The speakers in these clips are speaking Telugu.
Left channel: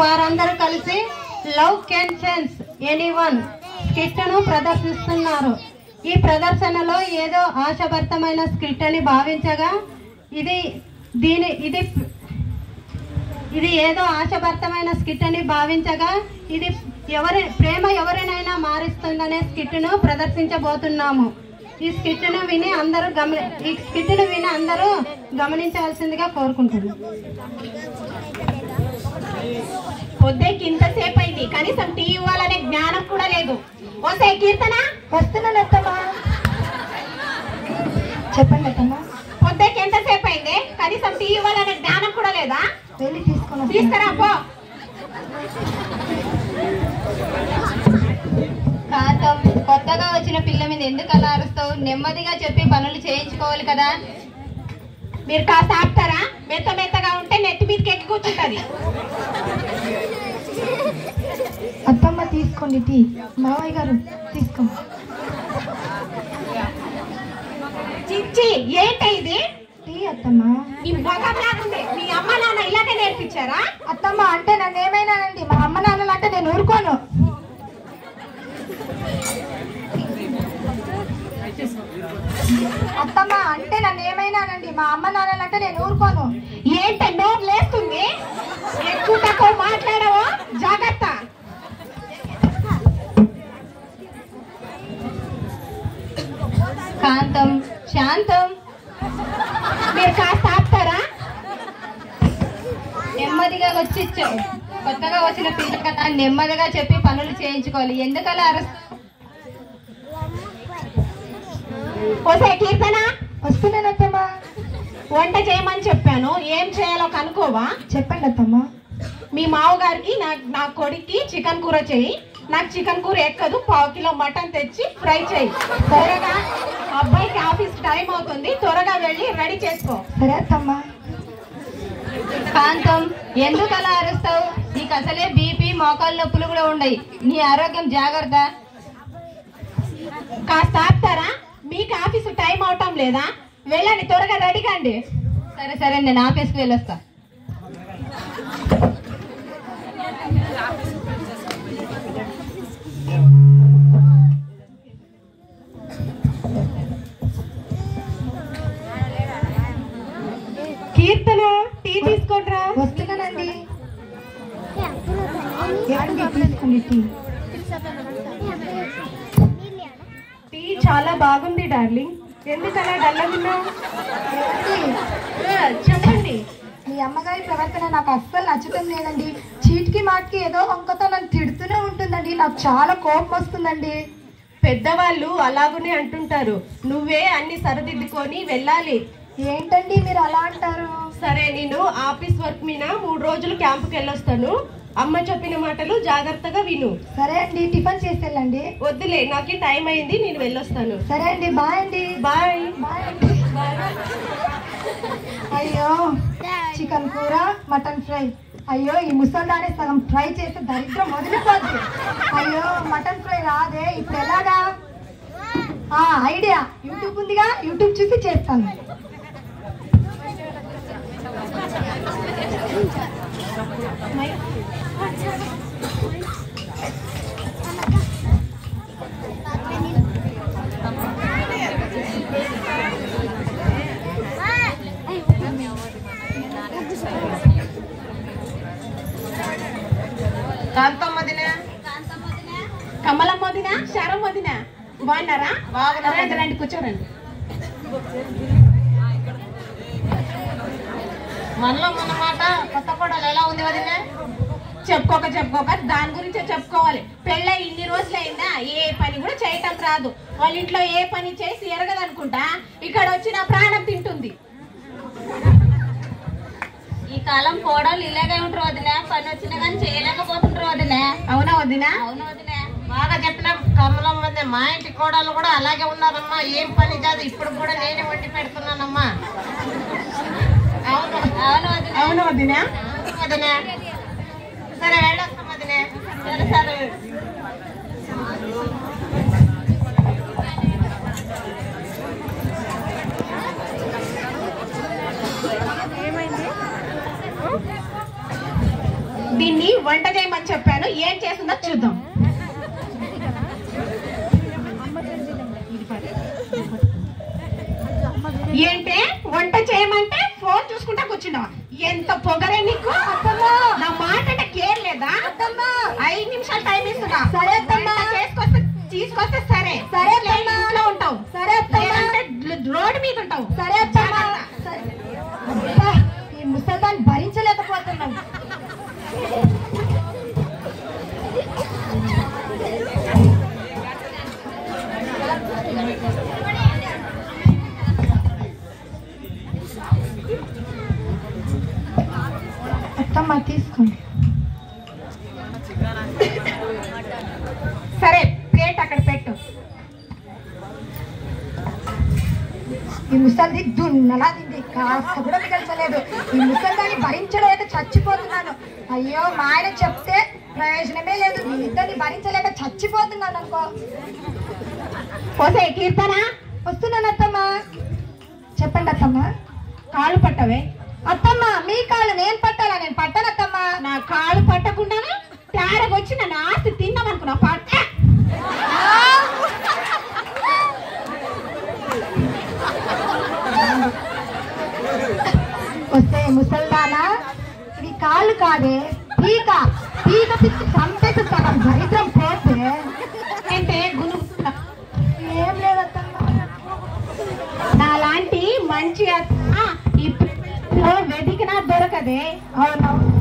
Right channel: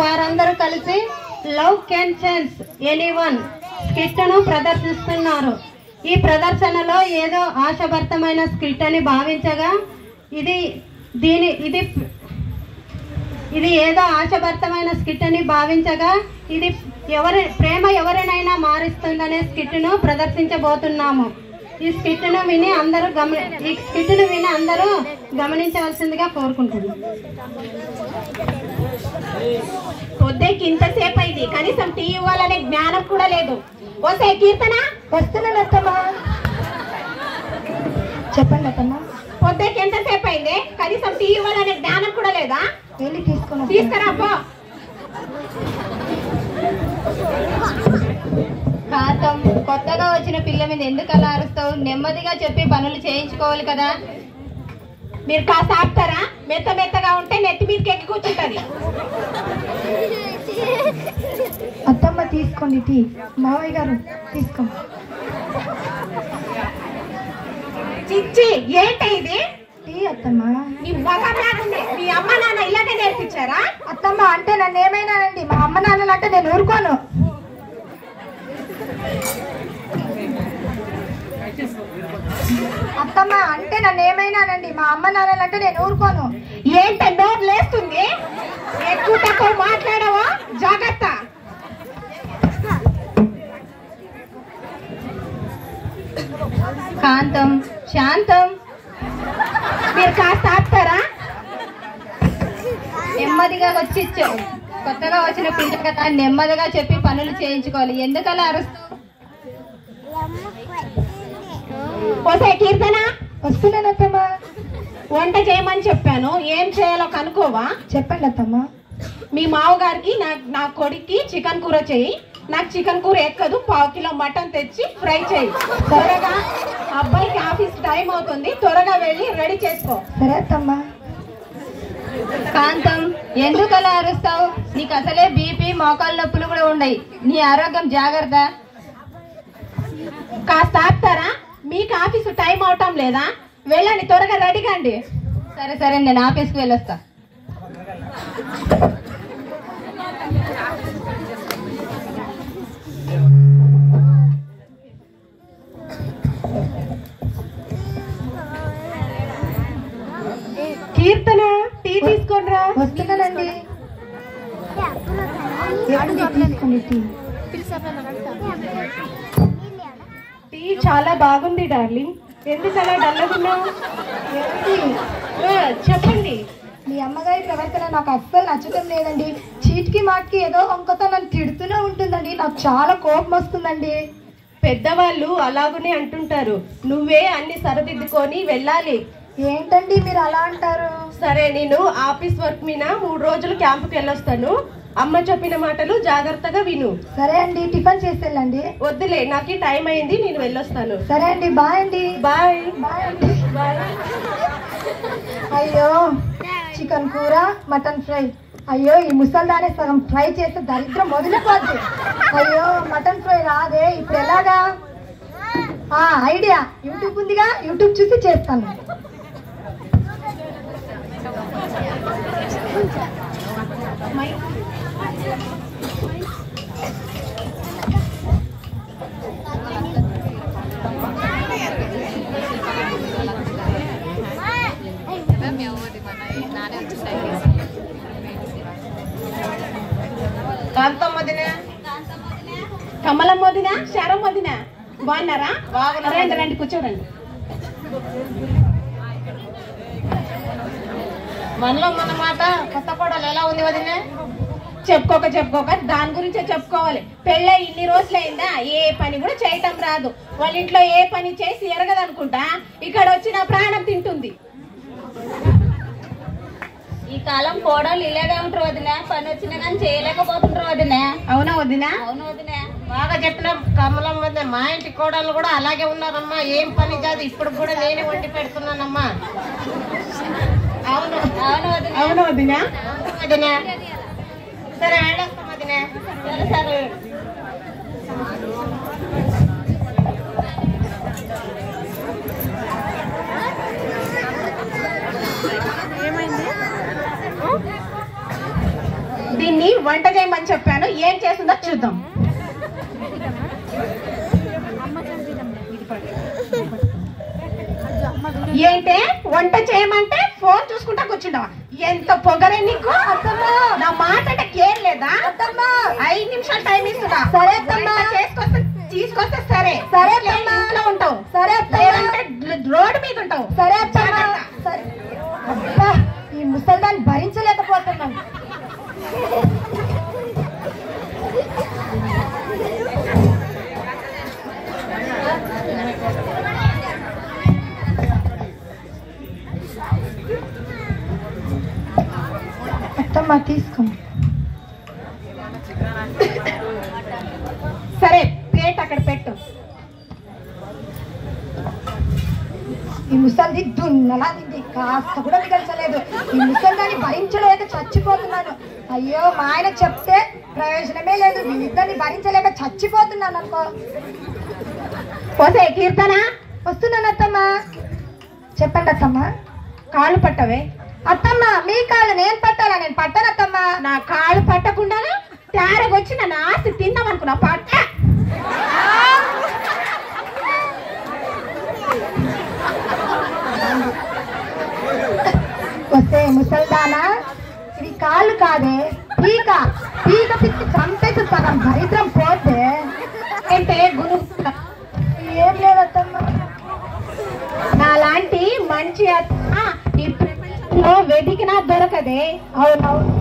వారందరూ కలిసి love can change anyone skit ను ప్రదర్శిస్తున్నారు. ఈ ప్రదర్శనలో ఏదో ఆశాభరితమైన స్కిట్ అని భావించగా ఇది ఏదో ఆశాభరితమైన స్కిట్ అని భావించగా ఇది ప్రేమ ఎవరినైనా మారుస్తుందనే స్కిట్ ను ప్రదర్శించబోతున్నాము. ఈ స్కిట్ ను విని అందరూ గమనించవలసిందిగా కోరుకుంటున్నాను. పొద్దుకి ఇంతసేపు అయింది, కనీసం టీ ఇవ్వాలనే జ్ఞానం కూడా లేదు. వస్తే కీర్తన వస్తున్నానత్తమ్మా. చెప్పండి అత్తమ్మా. పొద్దుకి ఎంతసేపు అయింది, కనీసం టీ ఇవ్వాలనే జ్ఞానం కూడా లేదా? వెళ్ళి తీసుకురా పో. కాంతం, కొత్తగా వచ్చిన పిల్ల మీద ఎందుకు అలా అరుస్తావు? నెమ్మదిగా చెప్పి పనులు చేయించుకోవాలి కదా. మీరు కాస్త ఆపుతారా? మెత్తగా ఉంటే నెత్తి మీదకి ఎక్కి కూర్చుంటది. అత్తమ్మ తీసుకోండి టీ. మావయ్య గారు తీసుకోండి. చిచ్చి, ఏంటి ఇది? టీ అత్తమ్మ. మీ మొగం లాగుంది. మీ అమ్మ నాన్న ఇలాగే నేర్పించారా? అత్తమ్మ అంటే నన్ను ఏమైనానండి, మా అమ్మ నాన్నలు అంటే నేను ఊరుకోను. అత్తమ్మ అంటే నన్ను ఏమైనానండి, మా అమ్మ నాన్నలు అంటే నేను ఊరుకోను. ఏంటి నోరు లేస్తుంది? ఎక్కువ తక్కువ మాట్లాడవా? జాగ్రత్త. కాంతం, శాంతం, మీరు కాస్త ఆపుతారా? నెమ్మదిగా కొత్తగా వచ్చిన పిల్ల కదా, నెమ్మదిగా చెప్పి పనులు చేయించుకోవాలి. ఎందుకలా అరుస్తావు? పోసే కీర్తన, వస్తున్నాను అత్తమ్మ. వంట చేయమని చెప్పాను, ఏం చేయాలో కనుక్కోవా? చెప్పండి అత్తమ్మ. మీ మావగారికి నా కొడుక్కి చికెన్ కూర చేయి. నాకు చికెన్ కూర ఎక్కదు, 1/2 కిలో మటన్ తెచ్చి ఫ్రై చేయి. త్వరగా, అబ్బాయికి ఆఫీస్ టైం అవుతుంది, త్వరగా వెళ్ళి రెడీ చేసుకో. సరే అత్తమ్మ. కాంతం, ఎందుకు అలా అరుస్తావు? నీకు అసలే బీపీ, మోకాళ్ళ నొప్పులు కూడా ఉన్నాయి. నీ ఆరోగ్యం జాగ్రత్త. కాస్త ఆపుతారా? మీకు ఆఫీసు టైం అవటం లేదా? వెళ్ళండి, త్వరగా రెడీ కండి. సరే, నేను ఆఫీస్కి వెళ్ళొస్తా. కీర్తన, టీ తీసుకోండిరా. వస్తున్నానండి. తీసుకోండి టీ. టీ చాలా బాగుంది డార్లింగ్. ఎందుకలా డల్లగున్నావు? చెప్పండి. మీ అమ్మగారి ప్రవర్తన నాకు అస్సలు నచ్చటం లేదండి. చీటికి మాటికి ఏదో వంకతో నన్ను తిడుతూనే ఉంటుందండి. నాకు చాలా కోపం వస్తుందండి. పెద్దవాళ్ళు అలాగనే అంటుంటారు, నువ్వే అన్ని సరిదిద్దుకొని వెళ్ళాలి. ఏంటండి మీరు అలా అంటారు? సరే, నేను ఆఫీస్ వర్క్ మీద 3 రోజులు క్యాంపుకి వెళ్ళొస్తాను. అమ్మ చెప్పిన మాటలు జాగ్రత్తగా విను. సరే అండి, టిఫిన్ చేసి వెళ్ళండి. వద్దులే, నాకు టైం అయింది, నేను వెళ్ళొస్తాను. సరే అండి, బాయ్ అండి. బాయ్. బాయ్ అండి. అయ్యో, చికెన్ కూర, మటన్ ఫ్రై. అయ్యో, ఈ ముసల్దానే సగం ఫ్రై చేస్తే దరిద్రం వదిలిపోద్ది. అయ్యో, మటన్ ఫ్రై రాదే, ఇప్పుడు ఎలాగా? ఐడియా, యూట్యూబ్ ఉందిగా, యూట్యూబ్ చూసి చేస్తాను. కాంతం వదిన, కమలం వదిన, శరం వదిన, బాగున్నారా? రండి, కూర్చోరండి. మనలో మన మాట కొత్త కోడలు ఎలా ఉంది వదిన? చెప్పుకోక దాని గురించే చెప్పుకోవాలి. పెళ్ళై ఇన్ని రోజులైందా, ఏ పని కూడా చేయటం రాదు. వాళ్ళ ఇంట్లో ఏ పని చేసి ఎరగదనుకుంటా, ఇక్కడ వచ్చిన ప్రాణం తింటుంది. ఈ కాలం కోడలు ఇలాగే ఉంటారు వదిన, పని వచ్చినా కానీ చేయలేకపోతుంటారు వదిన. అవునా వదిన? అవును వదిన, బాగా చెప్పిన కమలం వదిన. మా ఇంటి కోడలు కూడా అలాగే ఉన్నారమ్మా, ఏం పని కాదు. ఇప్పుడు కూడా నేనే వండి పెడుతున్నానమ్మా. అవును అవును వదిన. అవును వదిన. అవును వదిన. సరే, ఏడొస్తాం వదిన. సరే. దీన్ని వంట చేయమని చెప్పాను, ఏం చేస్తుందో చూద్దాం. ఏంటే వంట చేయమంటే ఫోన్ చూసుకుంటా కూర్చున్నావా? ఎంత పొగరే నీకు? నా మాట అంటే ఏం లేదా? 5 నిమిషాలు టైం ఇస్తున్నా. సరే అత్తమ్మా. చేసుకొస్తే తీసుకొస్తే సరే. సరే అత్తమ్మా. ఇంట్లో ఉంటావు. సరే అత్తమ్మా. లేదంటే రోడ్డు మీద ఉంటావు. సరే అత్తమ్మా. సరే. అబ్బా, ఈ ముసల్దాన్ని భరించలేకపోతున్నాను. అత్తమ్మా తీసుకో. సరే ప్లేట్ అక్కడ పెట్టు. ఈ ముసలిది దున్నలా తింది, కాస్త కూడా మిగల్చలేదు. ఈ ముసలిదాన్ని భరించలేక చచ్చిపోతున్నాను. అయ్యో, మా ఆయన చెప్తే ప్రయోజనమే లేదు. వీళ్ళిద్దరిని భరించలేక చచ్చిపోతున్నాను అనుకో. పోతే కీర్తన, వస్తున్నాను అత్తమ్మా. చెప్పండి అత్తమ్మా. కాళ్ళు పట్టవే. అత్తమ్మ, మీ కాళ్ళు నేను పట్టాలా? నేను పట్టాను అత్తమ్మా. నా కాళ్ళు పట్టకుండా తయారగొచ్చి నన్ను ఆస్తి తిన్నామనుకున్నా. పట్ట వస్తే ముసల్దానా, ఇది కాళ్ళు కాదే, పీక. పీక పిచ్చి చంపేసి సగం దరిద్రం పోతే అంటే గురు ఏం లేదత్తమ్మా. నాలాంటి మంచి అత్త ఈ ప్రపంచంలో వెతికినా దొరకదే. అవునవును,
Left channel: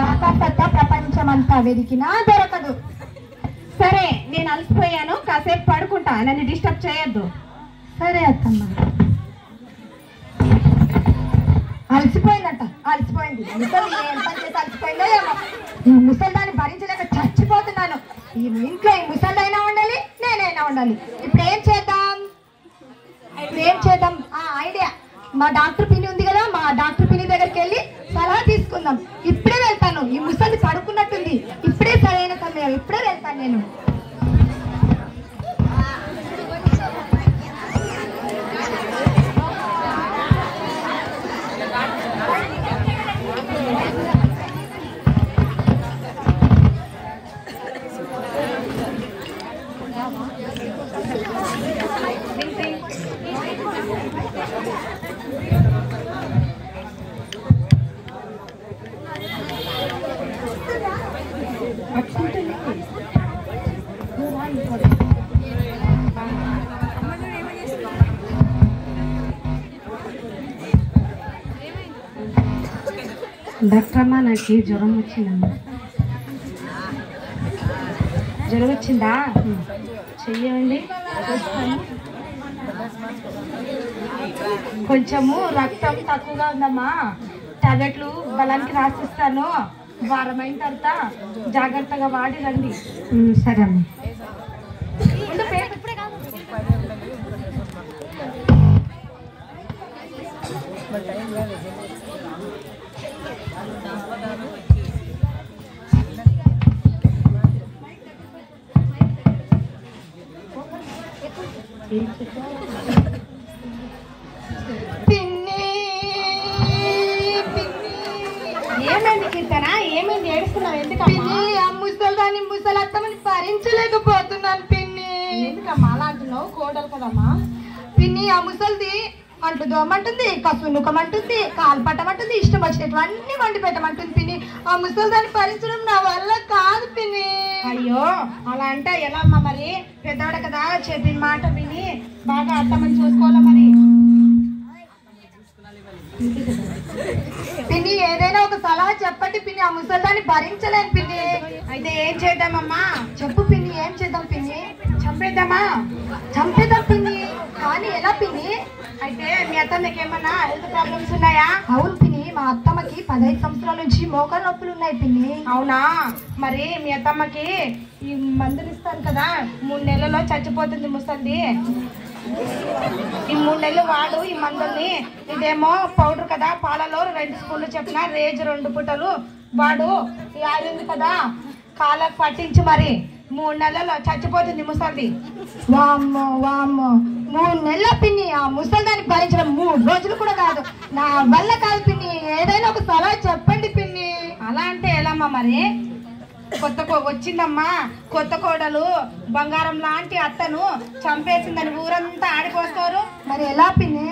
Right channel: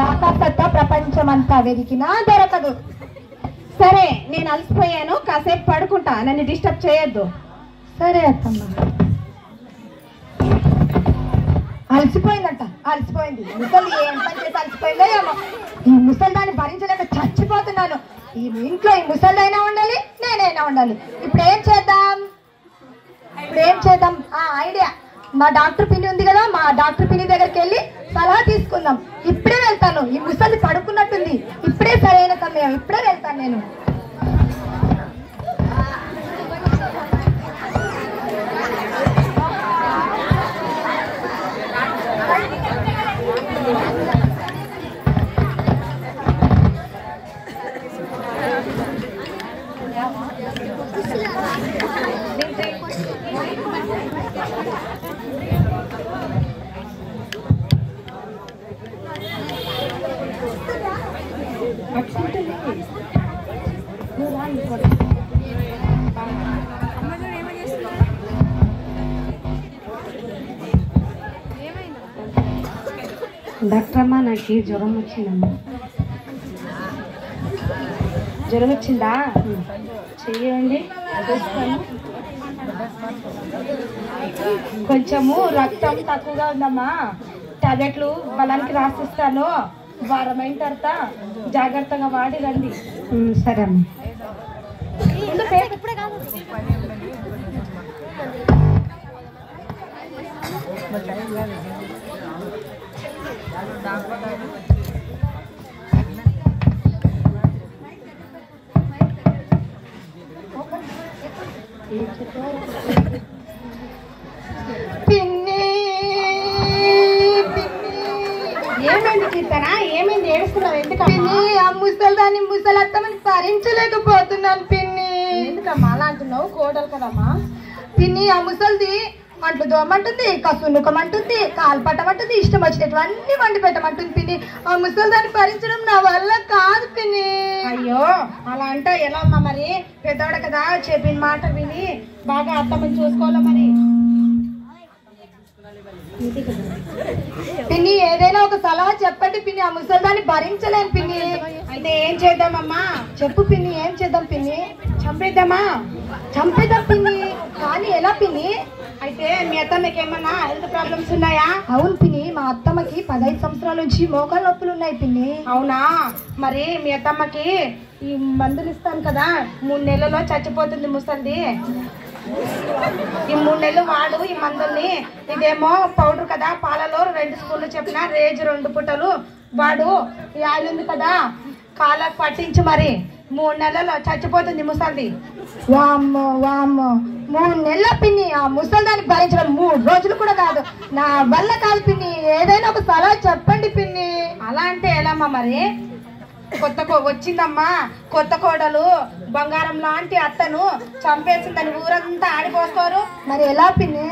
రాకత్త ప్రపంచం అంతా వెతికినా దొరకదు. సరే, నేను అలసిపోయాను, కాసేపు పడుకుంటా, నన్ను డిస్టర్బ్ చేయొద్దు. సరే అత్తమ్మా. అలసిపోయిందంట, అలసిపోయింది. ముసలి ఏం పని చేసి అలసిపోయిందో ఏమో. ఈ ముసలిదాన్ని భరించలేక చచ్చిపోతున్నాను. ఈ ఇంట్లో ఈ ముసలిదైనా ఉండాలి, నేనైనా ఉండాలి. ఇప్పుడు ఏం చేద్దాం? ఐడియా. మా డాక్టర్ పిన్ని ఉంది కదా, మా డాక్టర్ పిన్ని దగ్గరికి వెళ్ళి సలహా తీసుకుందాం. ఇప్పుడే వెళ్తాను. ఈ ముసలి పడుకున్నట్టుంది. ఇప్పుడే సరైన సమయం. ఇప్పుడే వెళ్తాను నేను. డాక్టర్ అమ్మా, నాకు జ్వరం వచ్చిందమ్మా. జ్వరం వచ్చిందా? చెయ్యండి. కొంచెము రక్తం తక్కువగా ఉందమ్మా. టాబ్లెట్లు బలానికి రాసిస్తాను. వారమైన తర్వాత జాగ్రత్తగా వాడి రండి. సరే అమ్మా. ఏమైంది కీర్తన? ఏమైంది? ఏడుస్తున్నావు ఎందుకమ్మా? ఆ ముసలిదాన్ని ముసలత్తమని భరించలేకపోతున్నాను పిన్ని. ఎందుకమ్మా అలా అంటున్నావు? కోడలు కదమ్మా. పిన్ని, ఆ ముసలిది అంట్లు దోమంటుంది, కసునుకమంటుంది, కాలు పట్టమంటుంది, ఇష్టం వచ్చినట్లు అన్ని వండి పెట్టమంటుంది పిన్ని. ఆ ముసలిదాన్ని భరించడం నా వల్ల కాదు పిన్ని. అయ్యో, అలా అంటే ఎలా అమ్మా? మరి పెద్దోడ కదా, చెప్పిన మాట విని బాగా అత్తమని చూసుకోవాలా మరి. పిన్ని, ఏదైనా ఒక సలహా చెప్పండి పిన్ని. ఆ ముసలిదాన్ని భరించలేను పిన్ని. అయితే ఏం చేద్దామమ్మా? చెప్పు పిన్ని, ఏం చేద్దాం పిన్ని? చంపేద్దామా? చంపేద్దాం పిన్ని, కానీ ఎలా పిన్ని? అయితే మీ అత్తమ్మకి ఏమన్నా హెల్త్ ప్రాబ్లమ్స్ ఉన్నాయా? అవును పిన్ని, మా అత్తమ్మకి 15 సంవత్సరాల నుంచి మోకాళ్ళ నొప్పులు ఉన్నాయి పిన్ని. అవునా? మరి మీ అత్తమ్మకి ఈ మందులు ఇస్తాను కదా, 3 నెలల్లో చచ్చిపోతుంది ముసలిది. ఈ 3 నెలలు వాడు ఈ మందుల్ని. ఇదేమో పౌడర్ కదా, పాలలో 2 స్పూన్లు చెప్పిన రేజు 2 పూటలు వాడు. ఈ ఆయిల్ ఉంది కదా, కాళ్ళకు పట్టించు. మరి 3 నెలల్లో చచ్చిపోతుంది ముసలిది. వామ్మో వామ్మో, 3 నెలల పిన్ని. ఆ ముసలిదాన్ని భరించడం 3 రోజులు కూడా కాదు. నా వల్ల కాదు పిన్ని. ఏదైనా ఒక సలహా చెప్పండి పిన్ని. అలా అంటే ఎలామ్మా మరి? వచ్చిందమ్మా కొత్త కోడలు బంగారం లాంటి అత్తను చంపేసిందని ఊరంతా ఆడిపోస్తారు. మరి ఎలా పిన్ని?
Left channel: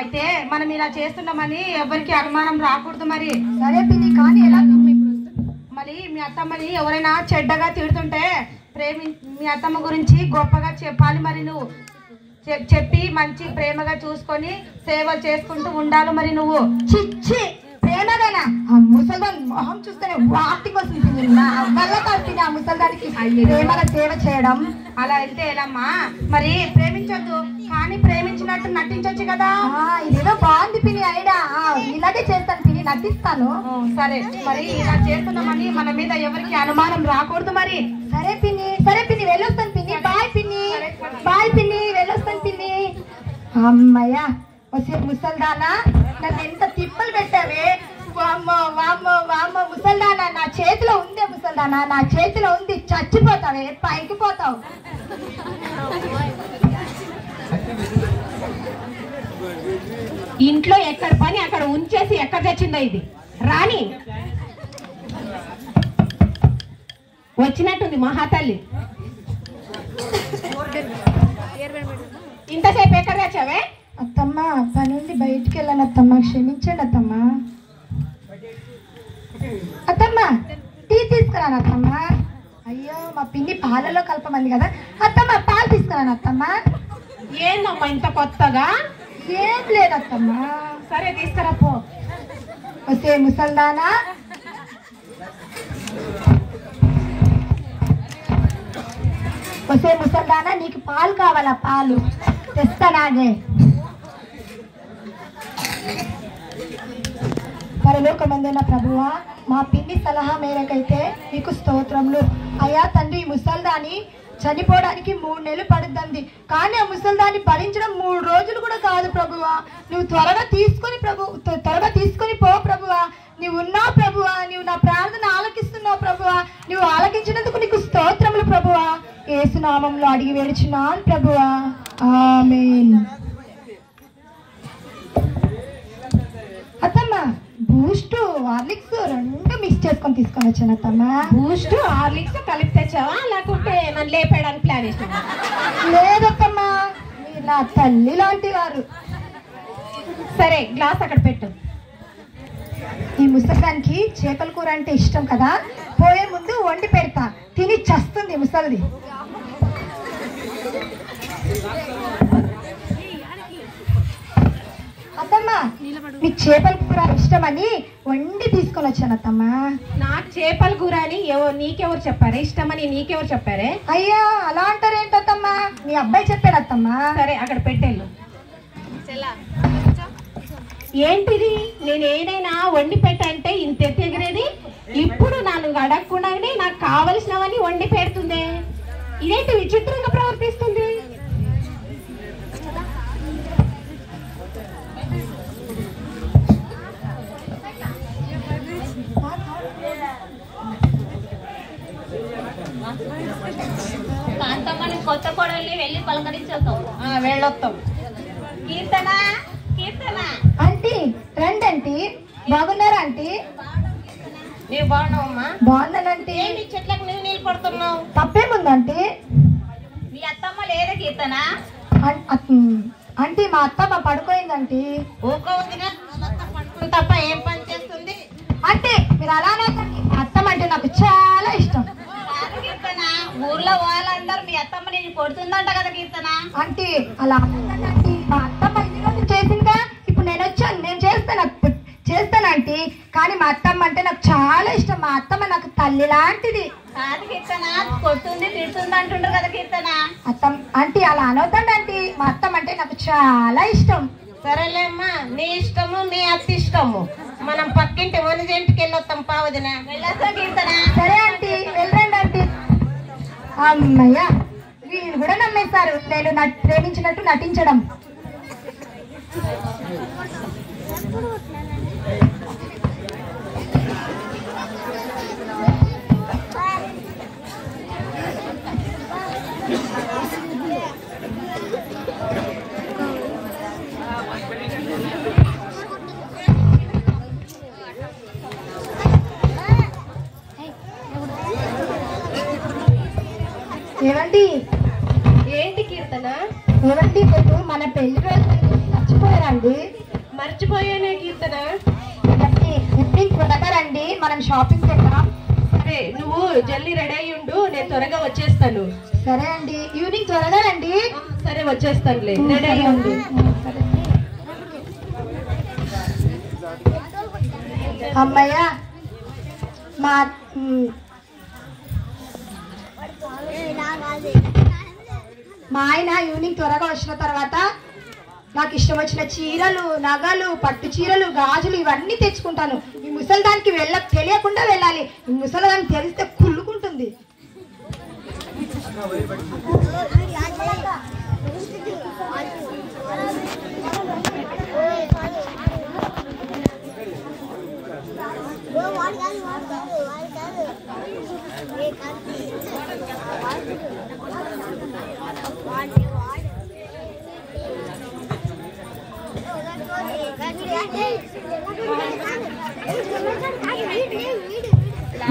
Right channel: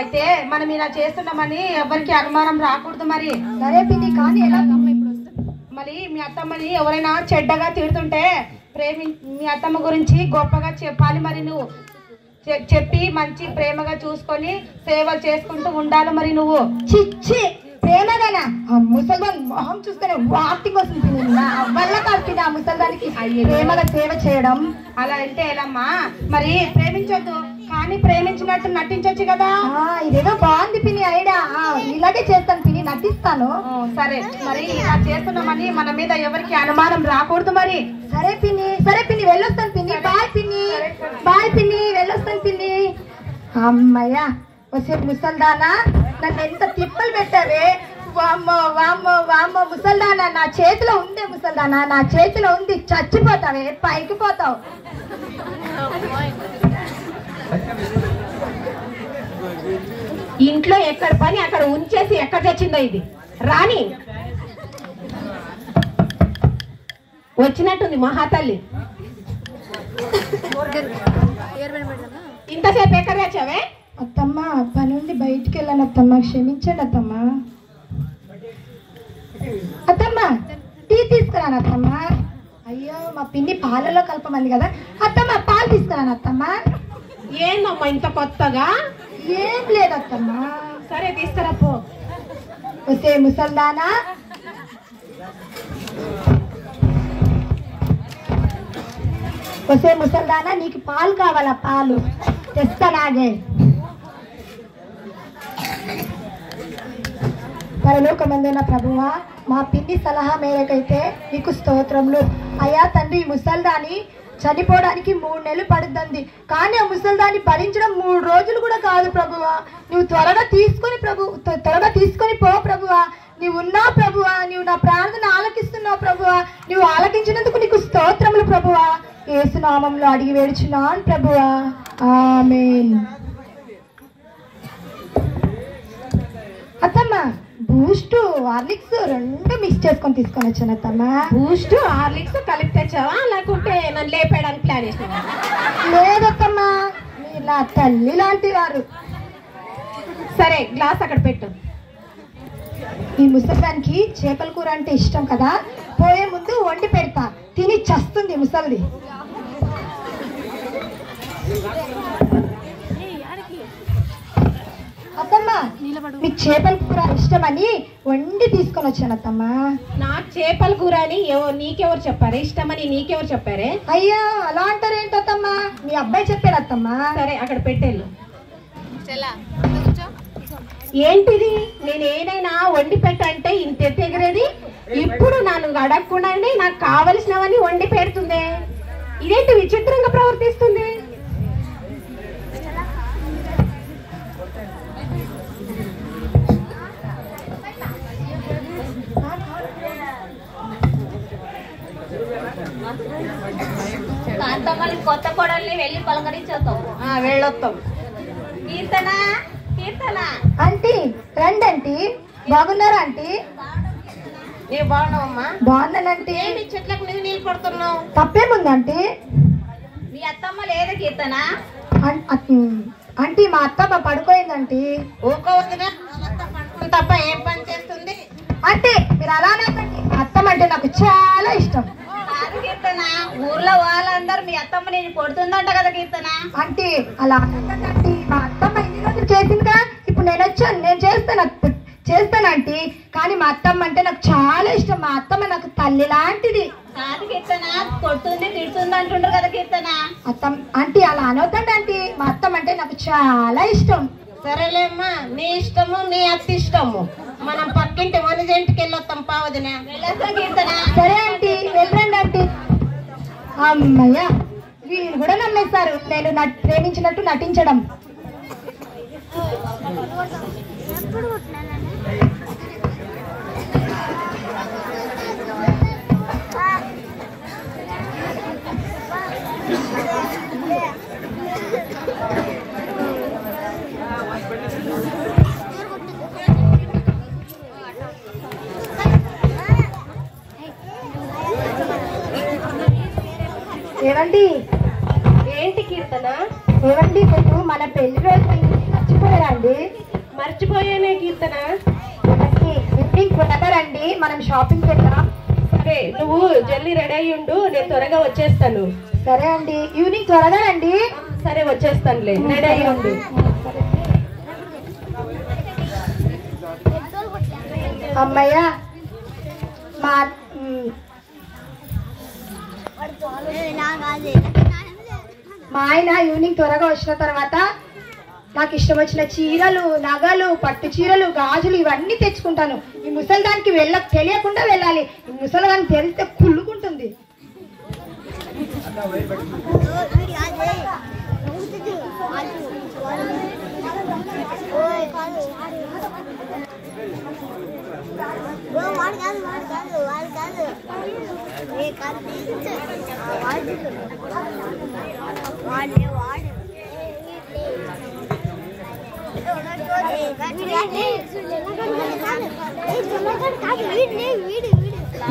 అయితే మనం ఇలా చేస్తున్నామని ఎవరికి అనుమానం రాకూడదు మరి. సరే పిన్ని, కానీ ఎలా? మరి మీ అత్తమ్మని ఎవరైనా చెడ్డగా తిడుతుంటే మీ అత్తమ్మ గురించి గొప్పగా చెప్పాలి మరి. నువ్వు చెప్పి మంచి ప్రేమగా చూసుకొని సేవలు చేసుకుంటూ ఉండాలి మరి. నువ్వు చిచ్చి ప్రేమగానా? ఆ ముసల్దాన్ మొహం చూస్తేనే వాటికి వస్తుంది. వల్ల కాదు ఆ ముసల్దానికి ప్రేమగా సేవ చేయడం. అలా అంటే ఎలామ్మా? మరి ప్రేమించొద్దు, కానీ ప్రేమించినట్టు నటించొచ్చు కదా. ఇదేదో బాగుంది పిన్ని ఐడియా. ఇలాగే చేస్తాను పిన్ని, నటిస్తాను. సరే, మరి ఇలా చేస్తున్నామని మన మీద ఎవరికి అనుమానం రాకూడదు మరి. సరే పిన్ని వెళ్ళొస్తాను పిన్ని. బాయ్ పిన్ని, బాయ్ పిన్ని, వెళ్ళొస్తాను పిన్ని. అమ్మయ్యా, వచ్చే ముసల్దానా నన్ను ఎంత తిప్పలు పెట్టావే. వామ్మో వామ్మో వామ్మో ముసల్దానా, నా చేతిలో ఉందే ముసల్దానా, నా చేతిలో ఉంది. చచ్చిపోతావే, పైకి పోతావు. ఇంట్లో ఎక్కడ పని అక్కడ ఉంచేసి ఎక్కడ తెచ్చిందో ఇది. రాణి వచ్చినట్టుంది మహాతల్లి. ఇంతసేపు ఎక్కడ తెచ్చావే? అత్తమ్మ పని నుండి బయటికి వెళ్ళాను అత్తమ్మ, క్షమించండి అత్తమ్మ. అత్తమ్మ టీ తీసుకురాను అత్తమ్మ. అయ్యో మా పిన్ని పాలలో కలపమంది కదా అత్తమ్మ, పాలు తీసుకురాను అత్తమ్మ. ఏందమ్మా ఇంత కొత్తగా? ఏం లేదు అత్తమ్మ. సరే తీసుకురా పో. వస్తే ముసల్దానా, వస్తే ముసల్దానా, నీకు పాలు కావాలా? పాలు తెస్తానాగే. పరలోకమందున్న ప్రభువా, మా పిన్ని సలహా మేరకైతే నీకు స్తోత్రములు. అయ్యా తండ్రి, ముసల్దాని చనిపోవడానికి 3 నెలలు పడుతుంది, కానీ ఆ ముసల్దాన్ని భరించడం 3 రోజులు కూడా కాదు ప్రభువా. నువ్వు త్వరగా తీసుకొని పో ప్రభువా. నువ్వు ఉన్నావు ప్రభువా, నువ్వు నా ప్రార్థన ఆలకిస్తున్నావు ప్రభువా. నువ్వు ఆలకించినందుకు నీకు స్తోత్రములు ప్రభువా. యేసు నామములో అడిగి వేడుచున్నాను ప్రభువా, ఆమేన్. అత్తమ్మ బూస్ట్ హార్లిక్స్ 2 మిక్స్ చేసుకొని తీసుకొని వచ్చాను అత్తమ్మ. బూస్ట్ హార్లిక్స్ కలిపి తెచ్చావా, లేకుంటే నన్ను లేపేయడానికి ప్లాన్ చేసినావా? లేదత్తమ్మ, నా తల్లి లాంటి వారు. సరే గ్లాస్ అక్కడ పెట్టు. ఈ ముసల్దానికి చేపల కూర అంటే ఇష్టం కదా, పోయే ముందు వండి పెడతా, తిని చస్తుంది ముసల్ది. అత్తమ్మ మీకు చేపల కూర ఇష్టమని వండి తీసుకొని వచ్చాను అత్తమ్మ. నాకు చేపల కూర అని నీకెవరు చెప్పారే? ఇష్టమని నీకెవరు చెప్పారే? అయ్యా అలా అంటారేంటత్తమ్మ, మీ అబ్బాయి చెప్పాడు అత్తమ్మ. సరే అక్కడ పెట్టేళ్ళు. ఏంటిది? నేను ఏదైనా వండి పెట్టంటే ఇంత ఎగిరేది, ఇప్పుడు నన్ను అడగకుండానే నాకు కావలసినవని వండి పెడుతుంది. ఇదేంటి విచిత్రంగా ప్రవర్తిస్తుంది? కొత్త కోడల్ని వెళ్ళి పలకరించేద్దాం. వెళ్ళొస్తాం. కీర్తన, కీర్తన ఆంటీ రండి ఆంటీ. బాగున్నారా ఆంటీ? నీ బాగున్నావమ్మా? బాగున్నానంటీ. ఏంటి చెట్లకు నీళ్ళు కొడుతున్నావు? తప్పేముంది ఆంటీ? మీ అత్తమ్మ లేదా కీర్తన? ఆంటీ మా అత్తమ్మ పడుకోయిందంటీ. ఊరుకోవద్దుగా, పడుకుని తప్ప ఏం పని చేస్తుంది? అంటే మీరు అలా అనకండి, మా అత్తమ్మ అంటే నాకు చాలా ఇష్టం. కీర్తన, ఊర్లో వాళ్ళందరూ మీ అత్తమ్మ నేను కొడుతుందంట కదా కీర్తన. అంటే అలా అనకండి ఆంటీ, మా అత్తమ్మ ఇన్ని రోజులు చేసిందిగా, ఇప్పుడు నేను వచ్చాను, నేను చేస్తానంటీ. కానీ మా అత్తమ్మ అంటే నాకు చాలా ఇష్టం. మా అత్తమ్మ నాకు తల్లి లాంటిది. కాదు కీర్తన, కొడుతుంది తిడుతుంది అంటుండ్రు కదా కీర్తన. ఆంటీ అలా అనొద్దండి ఆంటీ, మా అత్తమ్మ అంటే నాకు చాలా ఇష్టం. సరేలేమ్మా, నీ ఇష్టము మీ అత్త ఇష్టము. మనం పక్కింటి వనిజంటికి వెళ్ళొస్తాం పావదిన. వెళ్ళొస్తా కీర్తన. సరే ఆంటీ, వెళ్ళండి ఆంటీ. అమ్మయ్య, వీళ్ళు కూడా నమ్మేశారు నేను ప్రేమించినట్టు నటించడం. ఏవండి ఏంటి కీర్తన? ఏవండి మీరు మన పెళ్లి రోజు మర్చిపోయారండి? మర్చిపోయానే కీర్తన. ఈవినింగ్ త్వరగారండి, మనం షాపింగ్ చేద్దాం. సరే, నువ్వు జల్దీ రెడీ అయ్యి ఉండు, నేను త్వరగా వచ్చేస్తాను. సరే అండి, ఈవినింగ్ త్వరగా రండి. సరే వచ్చేస్తానులే, రెడీ అయ్యి ఉండు. అమ్మయ్య మా ఆయన ఈవినింగ్ త్వరగా వచ్చిన తర్వాత నాకు ఇష్టం వచ్చిన చీరలు, నగలు, పట్టు చీరలు, గాజులు ఇవన్నీ తెచ్చుకుంటాను. ఈ ముసలిదానికి తెలియకుండా వెళ్ళాలి. ఈ ముసలిదానికి తెలిస్తే కుళ్ళుకుంటుంది.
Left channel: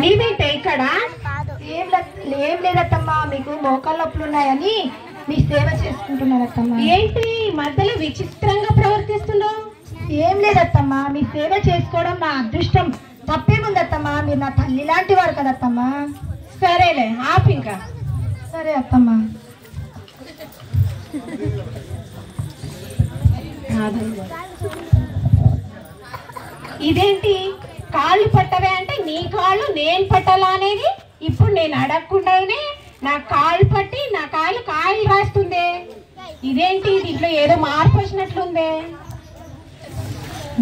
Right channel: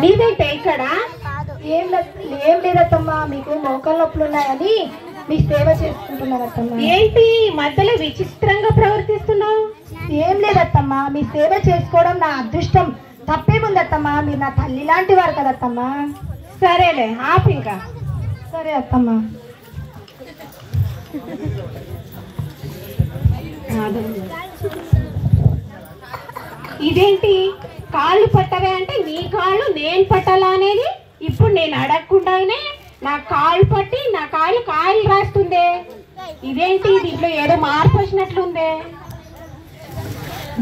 నీవేంటే ఇక్కడ? ఏం లేదత్తమ్మా, మీకు మోకాళ్ళ నొప్పులు ఉన్నాయని మీ సేవ చేసుకుంటున్నారత్తమ్మా. ఏంటి మధ్యలో విచిత్రంగా ప్రవర్తిస్తున్నావు? ఏం లేదత్తమ్మా, మీ సేవ చేసుకోవడం నా అదృష్టం. తప్పేముందత్తమ్మా, మీరు నా తల్లి లాంటి వారు కదత్తమ్మా. సరేలే, ఆపు ఇంకా. సరే అత్తమ్మా. ఇదేంటి కాళ్ళు పట్టవే అంటే నీ కాళ్ళు నేను పట్టాలా అనేది? ఇప్పుడు నేను అడగకుండానే నా కాళ్ళు పట్టి నా కాయలు రాస్తుందే. ఇదేంటి దీంట్లో ఏదో మార్పు వచ్చినట్లుందే.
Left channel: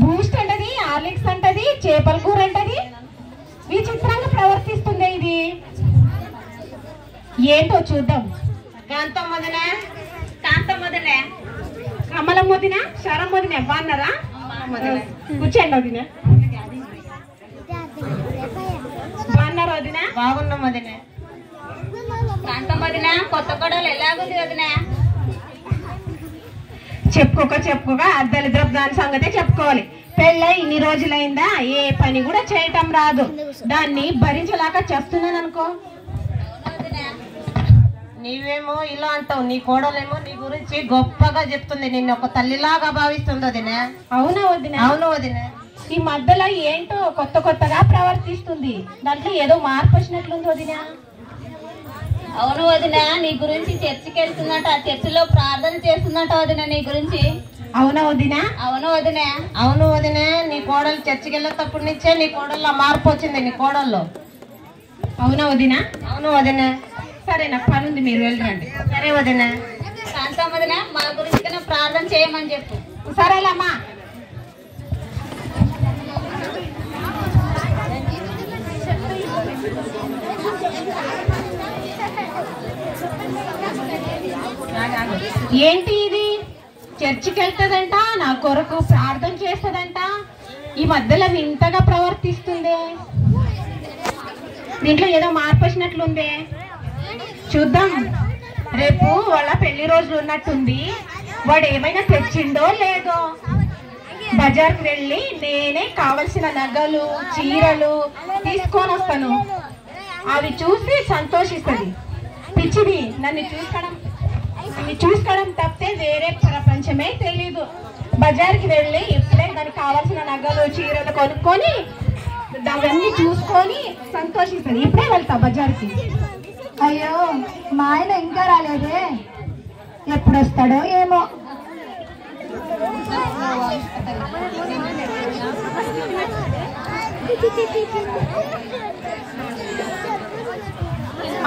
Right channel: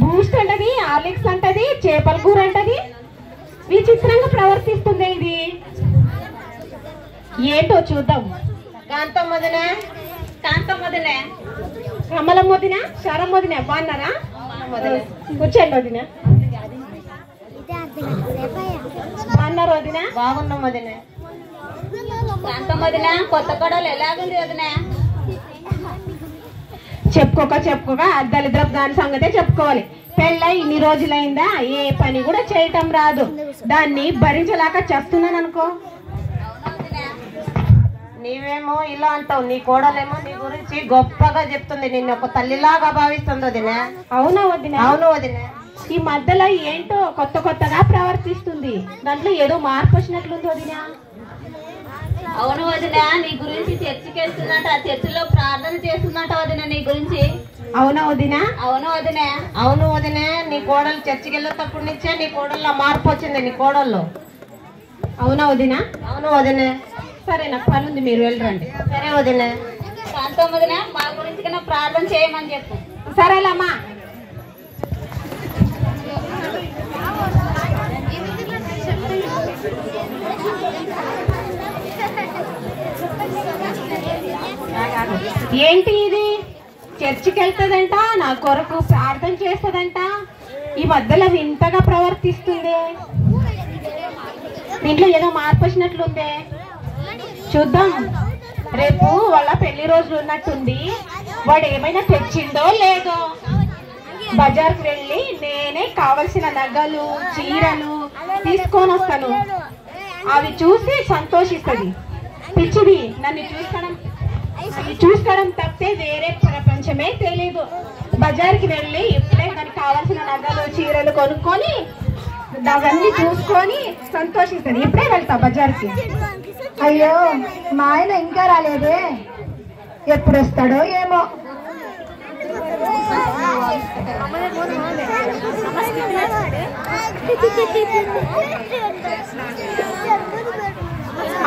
బూస్ట్ అంటది, హార్లిక్స్ అంటది, చేపల కూర అంటది. విచిత్రంగా ప్రవర్తిస్తుందే ఇది. ఏంటో చూద్దాం. కాంతం వదినా, కమలం వదిన, శరం వదిన బాగున్నారా? కూర్చోండి వదిన. బాగున్నారు వదిన? బాగున్నాం వదినా. కొత్త కొడలు ఎలాగుంది వదిన? చెప్పుకోక అద్దలిద్రపు దాని సంగతే చెప్పుకోవాలి. పెళ్ళ ఇన్ని రోజులైందా, ఏ పని కూడా చేయటం రాదు. దాన్ని భరించలేక చేస్తున్నాను అనుకో. నీవేమో ఇలా అంటావు, నీ కోడలేమో నీ గురించి గొప్పగా చెప్తుంది, నిన్ను ఒక తల్లిలాగా భావిస్తుంది వదినా. అవునా వదిన? అవును వదినా. ఈ మధ్యలో ఏంటో కొత్తగా ప్రవర్తిస్తుంది. దాంట్లో ఏదో మార్పు వచ్చినట్లుంది వదిన. అవును వదిన, నీ గురించి చర్చికి వెళ్తున్నట్టు, ఆ చర్చిలో ప్రార్థన చేస్తున్నట్టు వదిన నీ గురించి. అవునా వదిన? అవును వదిన. అవును వదినా, నీ కోడలు చర్చికి వెళ్ళేటప్పటి నుంచే నీ కోడల్లో మార్పు వచ్చింది, నీ కోడల్లో. అవునా వదిన? అవును వదినా. సరే, నాకు పనుంది, మీరు వెళ్ళరండి. సరే వదినా. కాంతం వదిన, మా గురించి కన్నా ప్రార్థన చేయమని చెప్పు. సరేలమ్మా. ఏంటి ఇది? చర్చికి వెళ్తుందంట, నా కొరకు ప్రార్థన చేస్తుందంట. ఈ మధ్యలో వింతగా ప్రవర్తిస్తుంది. దీంట్లో ఏదో మార్పు వచ్చినట్లుందే. చూద్దాం. రేపు వాళ్ళ పెళ్లి రోజులు ఉన్నట్టుంది. వాడు ఏమైనా తెచ్చిందో లేదో. బజార్కి వెళ్ళి నేనే కావలసిన నగలు, చీరలు తీసుకొని వస్తాను. అవి చూసి సంతోషిస్తుంది. పిచ్చిది, నన్ను చూసుకోవడం తప్పితే వేరే ప్రపంచమే తెలీదు. బజార్కి వెళ్ళి ఇప్పుడే దానికి కావాల్సిన నగలు, చీరలు కొనుక్కొని అవన్నీ చూసుకొని సంతోషిస్తాను. ఇప్పుడే వెళ్తా బజార్కి. అయ్యో, మా ఆయన ఇంకా రాలేదే, ఎప్పుడు వస్తాడో ఏమో.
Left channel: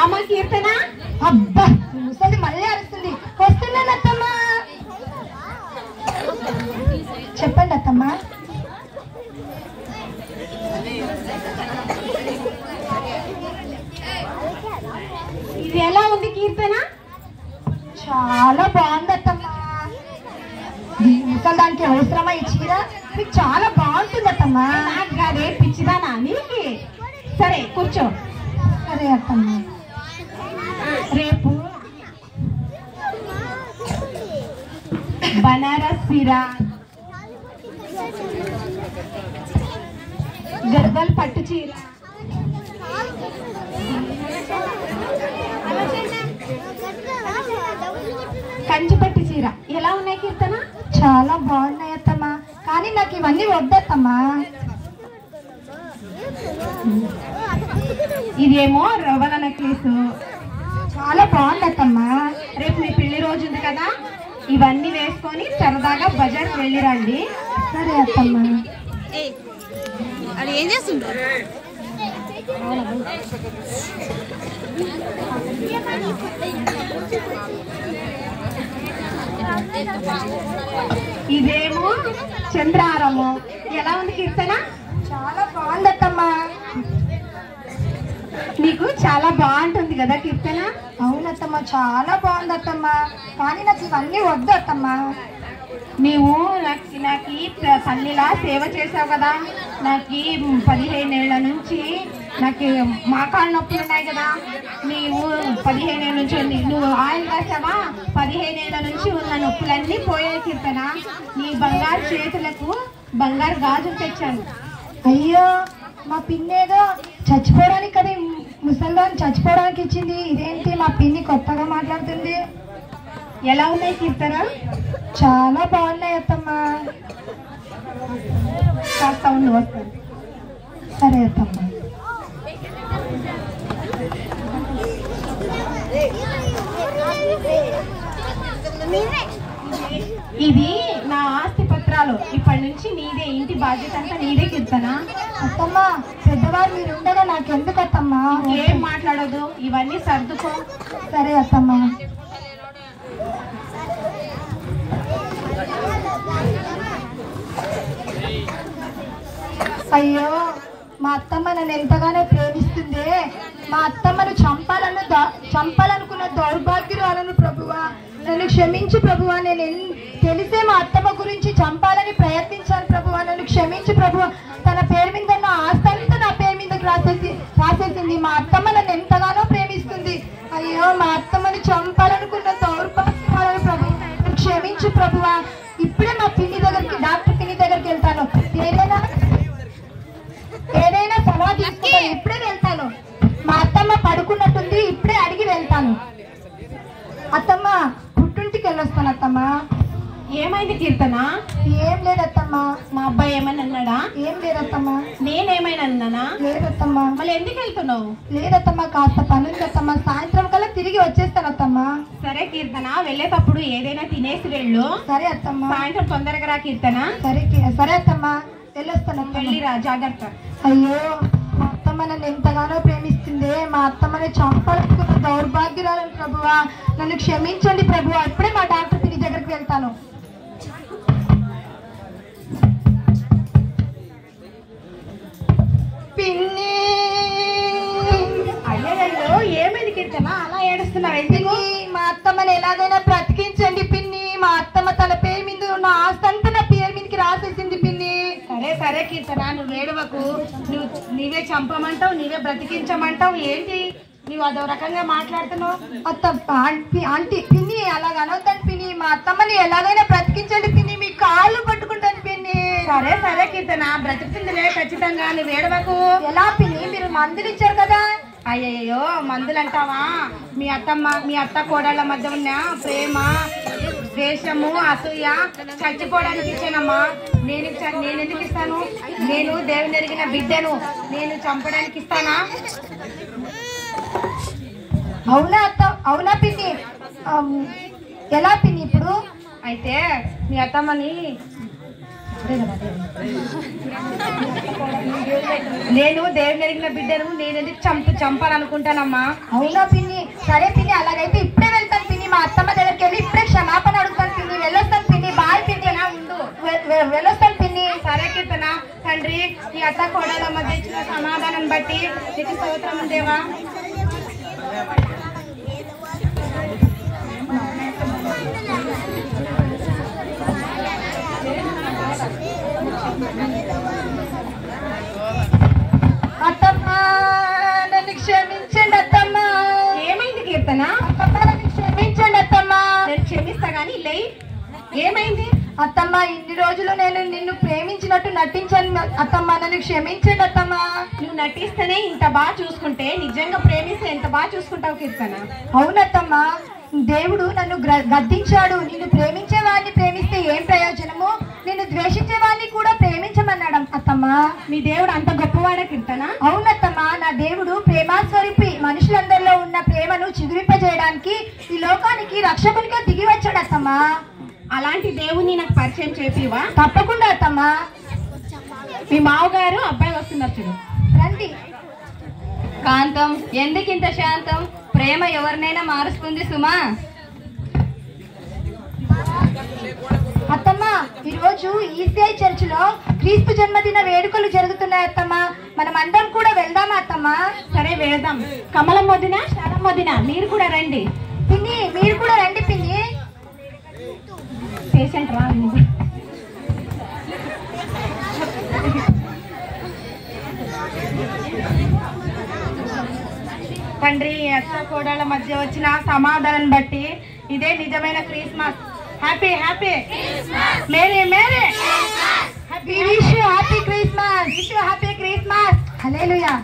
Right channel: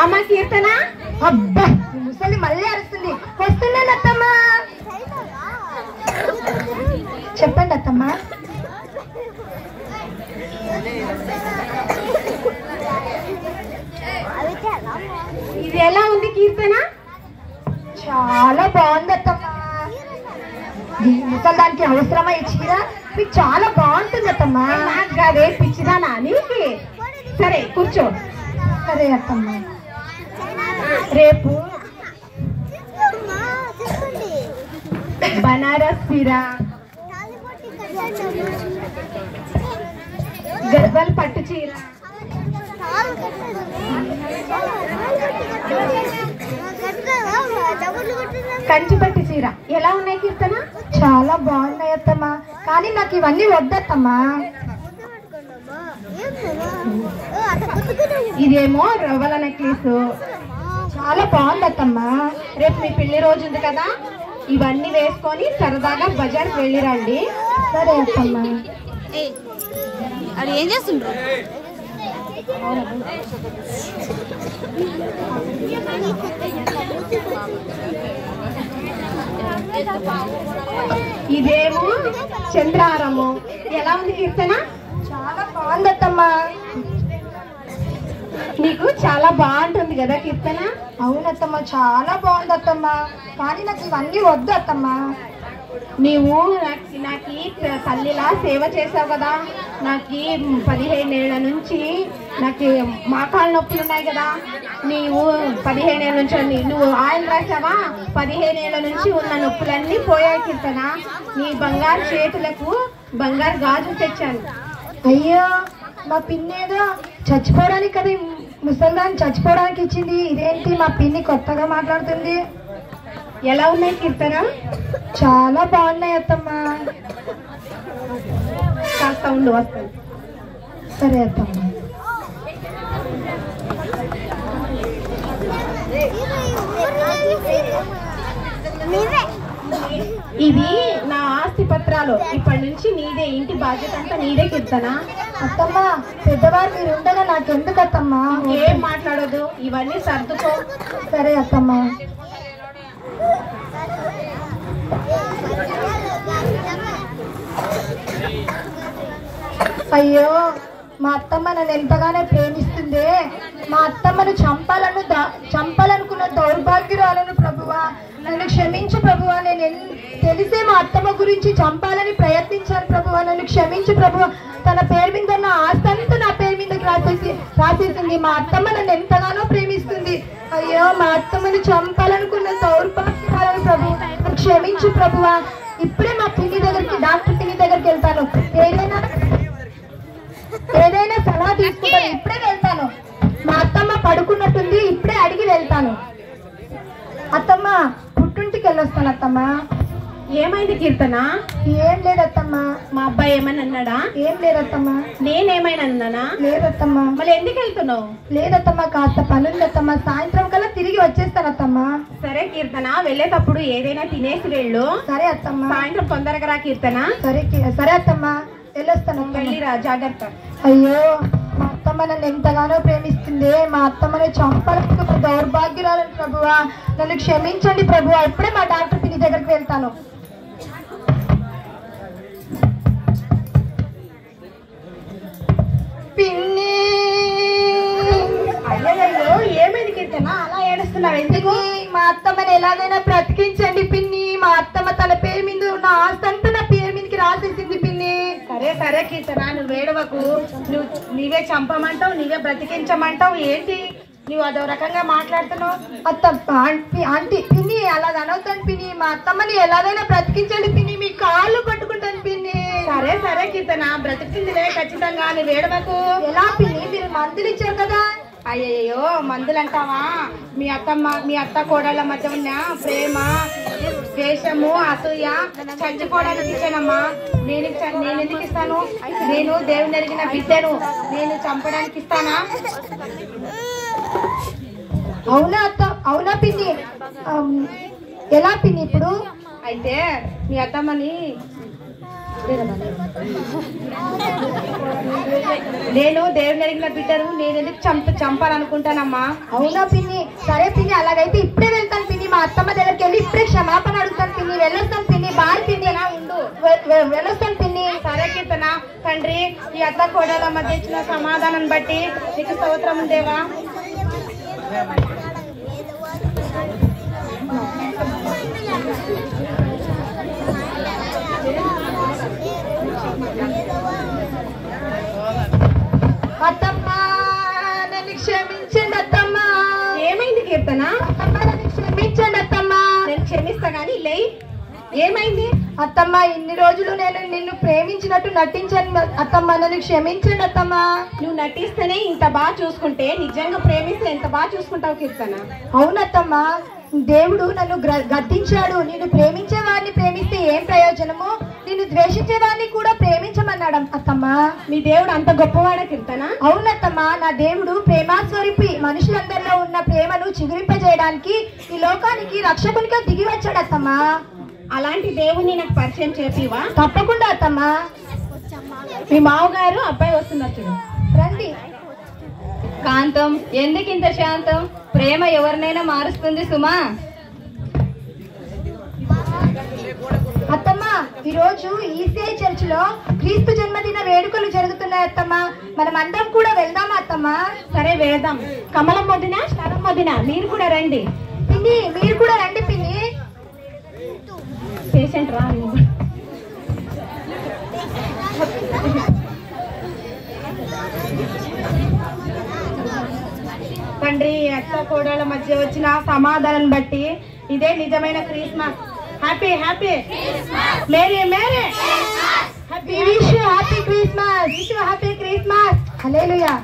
అమ్మ కీర్తన, అబ్బా, ముసలి మళ్ళీ అరుస్తుంది. వస్తున్నాను అత్తమ్మా. చెప్పండి అత్తమ్మా. ఇది ఎలా ఉంది కీర్తన? చాలా బాగుంది అత్తమ్మా. ముసలి దానికి అవసరమా ఈ చీర? మీకు చాలా బాగుంటుంది అత్తమ్మా. నాకు కాదే, పిచ్చిదానా నీకి. సరే కూర్చో. సరే అత్తమ్మా. రేపు బనారస్ చీర, గర్భల్ పట్టు చీర, కంచిపట్టి చీర ఎలా ఉన్నాయి కీర్తన? చాలా బాగున్నాయి అత్తమ్మ, కానీ నాకు ఇవన్నీ వద్దత్తమ్మా. ఇదేమో రవ్వల నెక్లెస్ చాలా బాగుంది అత్తమ్మా. రేపు మీ పెళ్లి రోజు ఉంది కదా, ఇవన్నీ వేసుకొని సరదాగా బజార్కి వెళ్ళిరండి. సరే అత్తమ్మా. అది ఏం చేస్తుండ్రు? ఇదేమో చంద్రహారము ఎలా ఉంది కీర్తన? చాలా బాగుంది అత్తమ్మా. నీకు చాలా బాగుంటుంది కదా కీర్తన? అవునత్తమ్మా, చాలా బాగుంది అత్తమ్మా, కానీ నాకు ఇవన్నీ వద్దు అత్తమ్మా. నీవు నాకు తల్లిలా సేవ చేసావు కదా, నాకు 15 ఏళ్ల నుంచి నాకు మోకాళ్ళ నొప్పులు ఉన్నాయి కదా. నీవు 15 ఏళ్ళ నుంచి నువ్వు ఆయిల్ రాసావా, 15 ఏళ్ల నుంచి ఉన్న నొప్పులన్నీ పోయాయి కీర్తన. నీ బంగారు చేతులకు బంగారు గాజులు తెచ్చాను. అయ్యో, మా పిన్ని ఏదో చచ్చిపోవడానికి కదా ముసల్దాన్ని చచ్చిపోవడానికి ఇచ్చింది, ఇదేంటి మా పిన్ని కొత్తగా మాట్లాడుతుంది? ఎలా ఉన్నాయి కీర్తన? చాలా బాగున్నాయి అత్తమ్మా. కాస్త ఉండి వస్తాను. సరే అత్తమ్మా. ఇది నా ఆస్తి పత్రాలు, ఇప్పటి నుంచి నీదే, ఇంటి బాధ్యత అంతా నీదే కీర్తన. అత్తమ్మా, పెద్దవారు మీరు ఉండగా నాకెందుకు అత్తమ్మా? ఏం మాట్లాడదు, ఇవన్నీ సర్దుకో. సరే అత్తమ్మా. అయ్యో, మా అత్తమ్మ నన్ను ఎంతగానో ప్రేమిస్తుంది. మా అత్తమ్మను చంపాలనుకున్న దౌర్భాగ్యురాలను ప్రభువా, నన్ను క్షమించు ప్రభువా. నేను తెలిసే మా అత్తమ్మ గురించి చంపాలని ప్రయత్నించాను ప్రభువా, నన్ను క్షమించు ప్రభువా. తన పేరు మీద ఉన్న ఆస్తి అంతా నా పేరు మీదకి రాసేసింది. మా అత్తమ్మ నన్ను ఎంతగానో ప్రేమిస్తుంది. అయ్యో, మా అత్తమ్మని చంపాలనుకున్న దౌర్భాగ్యురాలను ప్రభువా, నన్ను క్షమించు ప్రభువా. ఇప్పుడే మా పిన్ని దగ్గరికి, డాక్టర్ పిన్ని దగ్గరికి వెళ్తాను. ఏదైనా సలహా తీసుకుంటాను, ఇప్పుడే వెళ్తాను. మా అత్తమ్మ పడుకున్నట్టుంది, ఇప్పుడే అడిగి వెళ్తాను. అత్తమ్మ, పుట్టింటికి వెళ్ళొస్తాను అత్తమ్మ. ఏమైంది కీర్తన? ఏం లేదత్తమ్మ. మా అబ్బాయి ఏమని అన్నాడా? ఏం లేదత్తమ్మ. నేనేమైనా అన్నానా? లేదత్తమ్మ. మళ్ళీ ఎందుకు వెళ్తున్నావు? లేదత్తమ్మ, కాస్త పని ఉందత్తమ్మ, సాయంత్రం కల్లా తిరిగి వచ్చేస్తానత్తమ్మ. సరే కీర్తన, వెళ్ళేటప్పుడు ఏదైనా తినేసి వెళ్ళు. సరే అత్తమ్మ. సాయంత్రం తొందరగా రా కీర్తన. సరే అత్తమ్మ, వెళ్ళొస్తాను. వెళ్ళిరా, జాగ్రత్త. అయ్యో, మా అత్తమ్మ నన్ను ఎంతగానో ప్రేమిస్తుంది. మా అత్తమ్మని చంపాలనుకున్న దౌర్భాగ్యురాలను ప్రభువా, నన్ను క్షమించండి ప్రభువా. ఇప్పుడే మా డాక్టర్ పిన్ని దగ్గరికి వెళ్తాను. పిన్ని, అయ్యో, ఏమైంది కీర్తన అలా ఏడుస్తున్నావు? ఎందుకు? పిన్ని, మా అత్తమ్మని ఎలాగైనా బ్రతికించండి పిన్ని. మా అత్తమ్మ తన పేరు మీద ఉన్న ఆస్తి అంతా నా పేరు మీదకి రాసేసింది పిన్ని. సరే కీర్తన, నువ్వు వేడవకు. నీవే చంపమంటావు, నీవే బ్రతికించమంటావు, ఏంటి నువ్వు అదో రకంగా మాట్లాడుతున్నావు? ఆంటీ పిన్ని, అలాగ అనవుతాను పిన్ని. మా అత్తమ్మని ఎలాగైనా బ్రతికించండి పిన్ని, మీ కాళ్ళు పట్టుకుంటాను పిన్ని. సరే కీర్తన, బ్రతుకుతుందిలే ఖచ్చితంగా, నువ్వు వేడవకు. ఎలా పిన్ని, మీరు మందులు ఇచ్చారు కదా? అయ్యయ్యో, మందులంటావా? మీ అత్త కోడళ్ళ మధ్య ఉన్న ప్రేమ, ద్వేషము, అసూయ చచ్చిపోవడానికి ఇచ్చానమ్మా. నేను ఎందుకు ఇస్తాను? నేను దేవుని ఎరిగిన బిడ్డను, నేను చంపడానికి ఇస్తానా? అవునా పిన్ని? ఎలా పిన్ని ఇప్పుడు? అయితే మీ అత్తమ్మని నేను దేవుని ఎరిగిన బిడ్డను, నేను ఎందుకు చంపాలనుకుంటానమ్మా. అవునా పిన్ని? సరే పిన్ని, అలాగైతే ఇప్పుడే వెళ్తాను పిన్ని. మా అత్తమ్మ దగ్గరికి వెళ్ళి ఇప్పుడే క్షమాపణ అడుగుతాను పిన్ని. వెళ్ళొస్తాను పిన్ని. బాయ్ పిన్ని. ఉండు, వెళ్ళొస్తాను పిన్ని. సరే కీర్తన. తండ్రి, ఈ అత్త కోడల మధ్య ఇచ్చిన సమాధానం బట్టి నీకు స్తోత్రం దేవా. అత్తమ్మ, నన్ను క్షమించండి అత్తమ్మ. ఏమైంది కీర్తన? అత్తమ్మ, నన్ను క్షమించండి అత్తమ్మ. నేను క్షమిస్తా గానీ లే. ఏమైంది అత్తమ్మ? ఇన్ని రోజులు నేను నిన్ను ప్రేమించినట్టు నటించాను అత్తమ్మ, నన్ను క్షమించండి అత్తమ్మ. నువ్వు నటిస్తేనే ఇంత బాగా చూసుకుంటే, నిజంగా ప్రేమిస్తే ఎంత బాగా చూసుకుంటావు కీర్తన. అవునత్తమ్మ, దేవుడు నన్ను గద్దించాడు. నిన్ను ప్రేమించే వారిని ప్రేమిస్తే ఏం ప్రయోజనము, నిన్ను ద్వేషించే వారిని కూడా ప్రేమించమన్నాడు అత్తమ్మా. మీ దేవుడు అంత గొప్పవాడే కీర్తన? అవునత్తమ్మా, నా దేవుడు ప్రేమాస్వరూపి. మనుషులందరిలో ఉన్న ప్రేమను చిగురింపజేయడానికి ఈ లోకానికి రక్షకునిగా దిగి వచ్చాడు అత్తమ్మా. అలాంటి దేవుని నాకు పరిచయం చేసివా? తప్పకుండా అత్తమ్మా. మీ మావగారు అబ్బాయి వస్తున్నారు చూడు. రండి. కాంతం, ఎందుకింత శాంతం? ప్రేమ ఎవరినైనా మారుస్తుంది సుమా. అత్తమ్మా, ఈరోజు ఈసీఐ చర్చ్ లో క్రీస్తు జన్మదిన వేడుకలు జరుగుతున్నాయి అత్తమ్మా. మనం అందరం కూడా వెళ్దామా అత్తమ్మా? సరే వెళ్దాం. కమలం వదిన, శరం వదిన మీరు కూడా రండి. పిన్ని, మీరు కూడా రండి పిన్ని. పేషెంట్ రా. తండ్రి, అత్త కోడళ్ళ మధ్య వచ్చిన సమాధానం బట్టి ఇదే నిజమైన Christmas. Happy happy merry merry happy Christmas. హల్లెలూయా.